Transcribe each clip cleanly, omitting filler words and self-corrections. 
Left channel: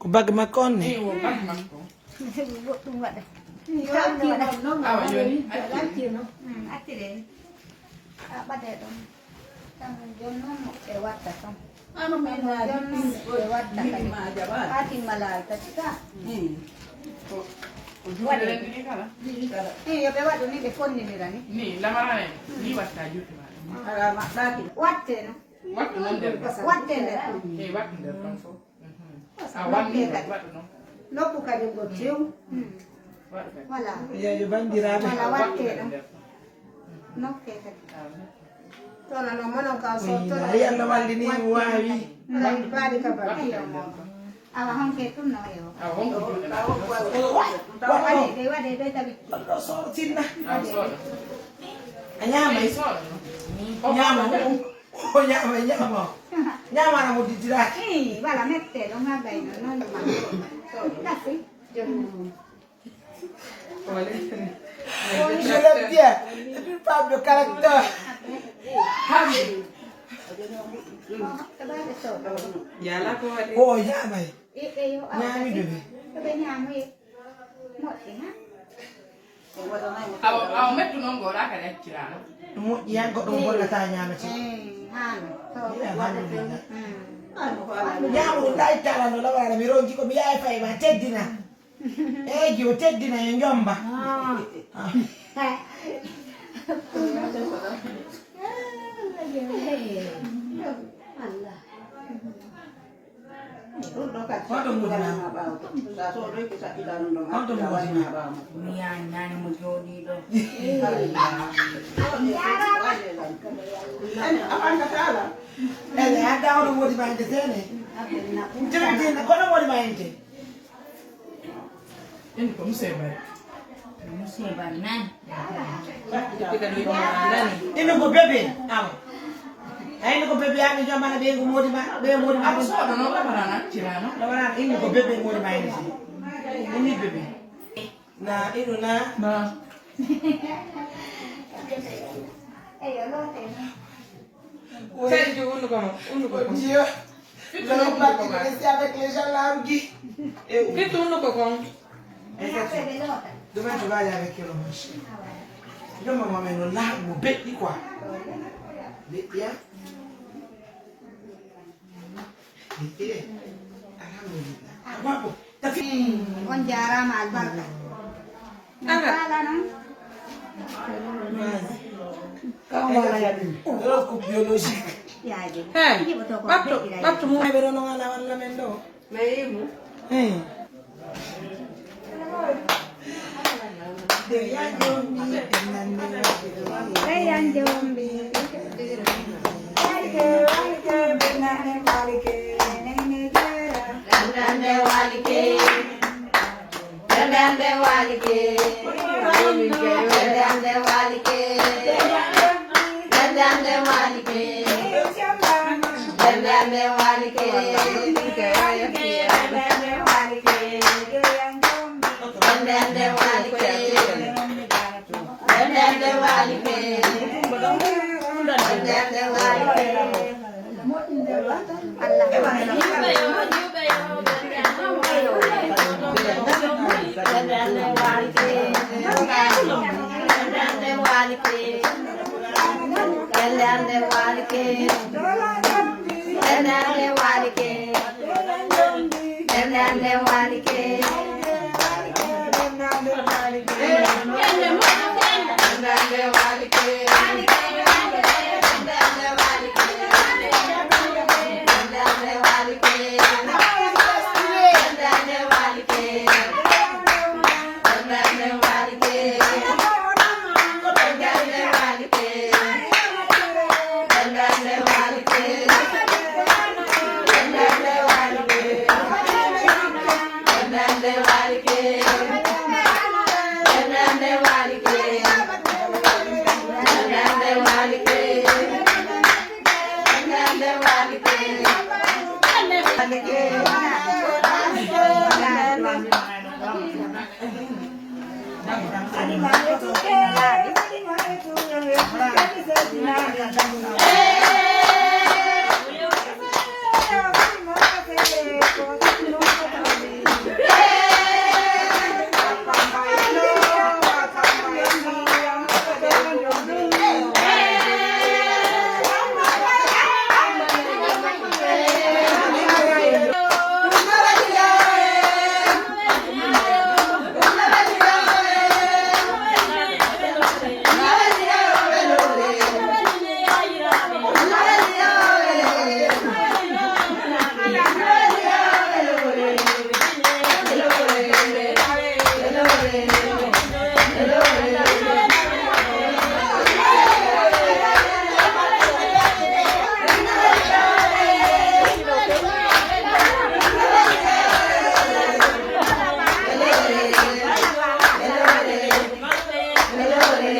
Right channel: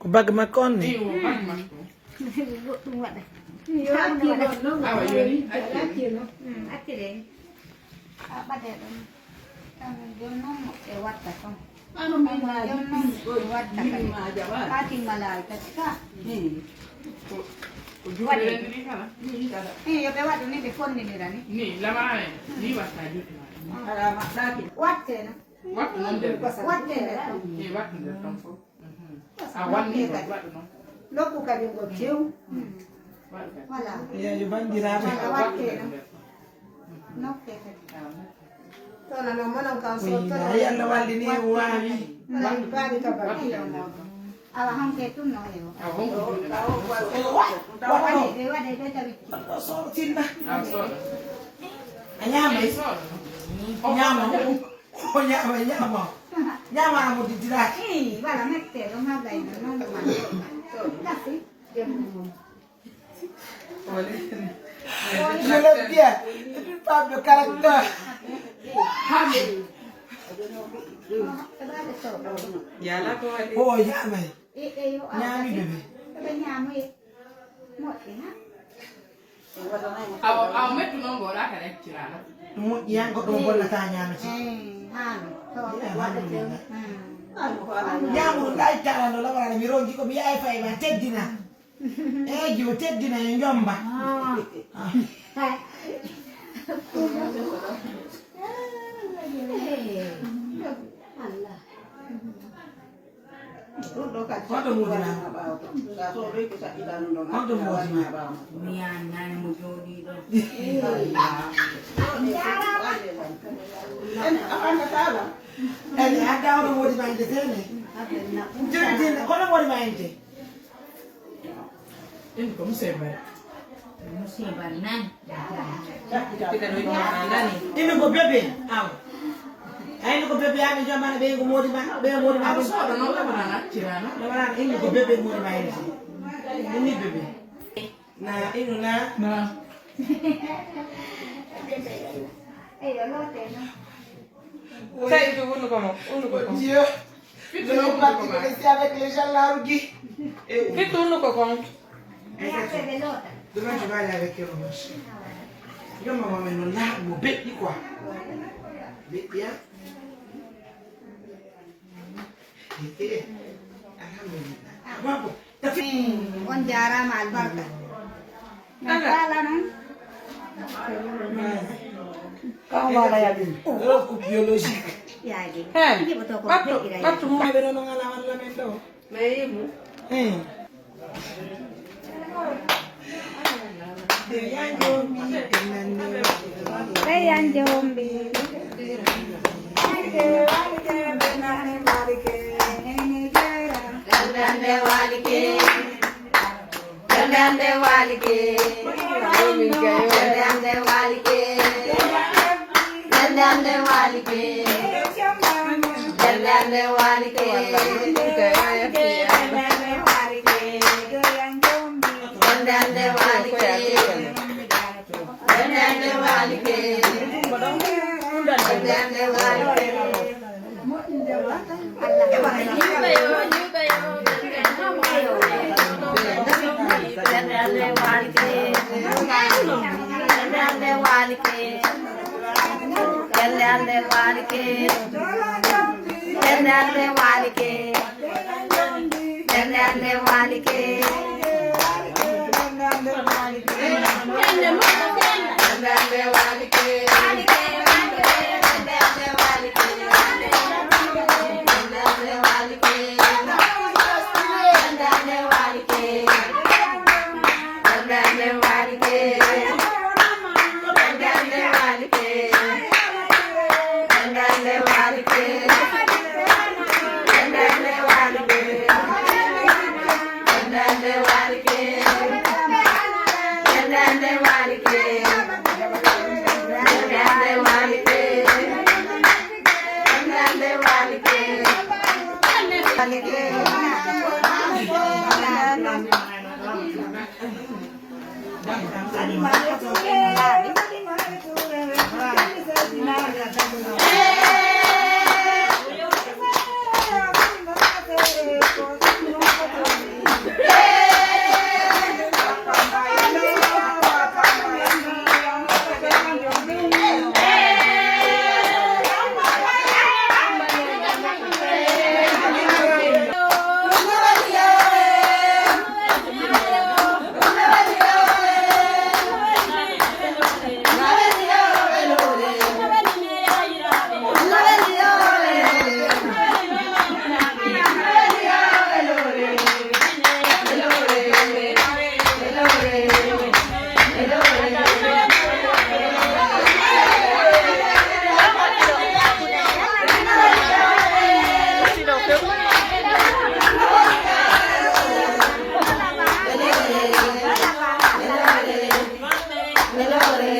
Kubag makon ni. Ano may lewat ating malay ka. Iya lewat ini de kon ni rani. Ni lama ni wata jutu. Wat no. Wat non de. Wat de. Ni wat de tonso. Awan ni wat no. Loku ka dingo chiu. Wala. Ya yo ban dirabe. Wala wat de no. No ke ka. Tona no mono ka so tona. Ay Allah waldini wawi. Bari ka bari. Awa hong ke tum no yo. Awong jutu. Dewa de tabi. So tinna. So. Anyama iso. Nyama. Oh nyama. Nyama na mudidira. Wala mette lo ngabai no no man. Kasi. Ole. Je l'aime bien. Et puis pas de caractère. Yala ko hadi. Oh nyama. Yo. Nyami bebe. Bebe nyama một thì ha. Aw metu non gora ka recchirana. Mu yang ko dum bolla ta nyama ci. Han. To wada ke. Nyamu dai tala no la wala mi rongi ko mi yaay fay ba teddina. Jo teddina yo njomba. Allah. Quanto muda? Quanto muda? Nani mujodi do. Ada orang mau dimain di sini. Jadi kalau mau dimain di. Ini kamu sebar. Musibar nan. Kita duit mana nih? Ini gue bebe. Aw. Ayo ko bebe ami jamana be ko modi ma be modi ma So no la barana cirana. la wana ini ko bebe modi ma ini bebe na inu na Ayo lo te. Sai itu unu kamu. Dieu le parti rester avec les gens là rugi Kita unu kok. dove tu vai avec le moche yo mama me no la mo be di quoi be ya alhamdulillah babu tapi On jara mal barka. Nagala no? kau mana ya bi ku biologique Ya je. Hey. Ini betul kok. Batu mu. ay be no ngalawan la men do Meimu. Kayan jombi.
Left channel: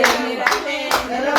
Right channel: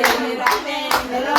Hello,